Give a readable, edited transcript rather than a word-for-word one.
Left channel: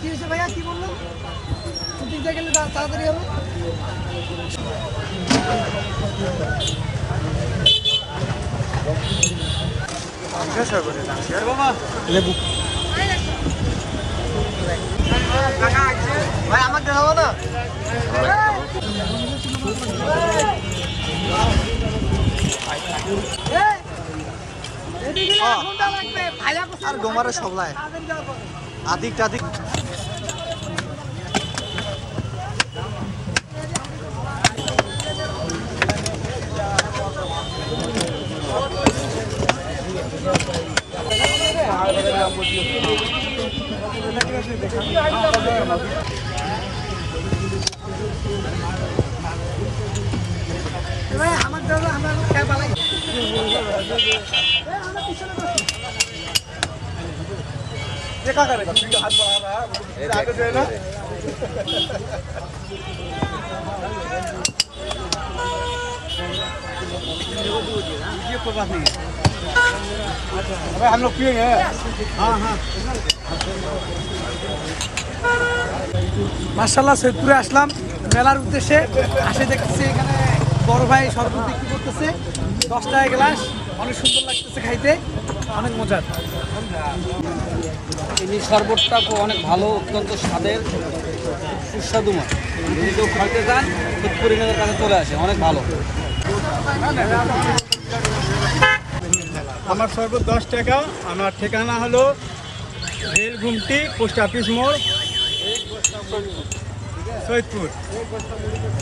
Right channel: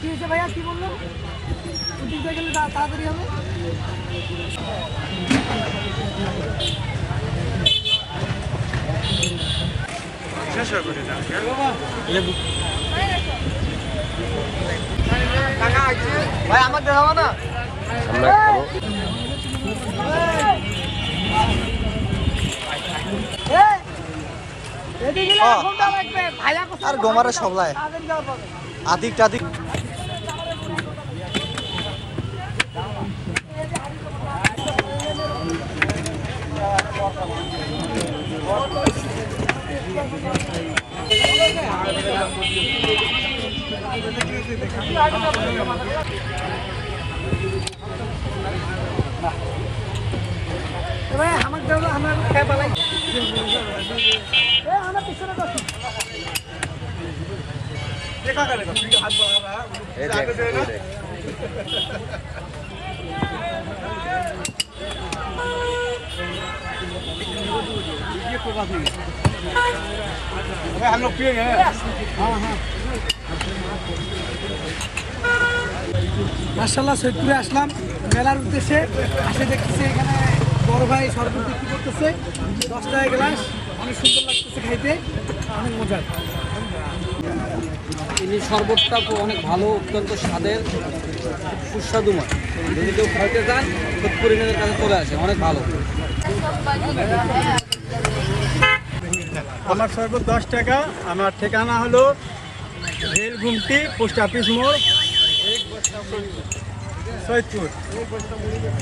কি হয়েছে ভাইয়া, কি বললো? দিকটা গেলে তাড়াতাড়ি হবে। লেবু ভাই আমার দেখাবো না। আর ডোমারে সবলায় আদিক টাদিক हम लोग पिएंगे। हाँ हाँ মাশাআল্লাহ সৈয়দপুরে আসলাম মেলার উদ্দেশ্যে। আসে দেখতেছি এখানে বড় ভাই শরবত বিক্রি করতেছে 10 টাকা গ্লাস, অনেক সুন্দর লাগতেছে খাইতে, অনেক মজার। এই শরবতটা অনেক ভালো, অত্যন্ত স্বাদের, সুস্বাদুময়। যদি কেউ খাইতে চান সৈয়দপুরিনাদের কাছে চলে আসে, অনেক ভালো। আমার শরবত 10 টাকা। আমার ঠিকানা হলো রেল ঘুমটি, পোস্ট অফিস মোড়, সৈয়দপুর।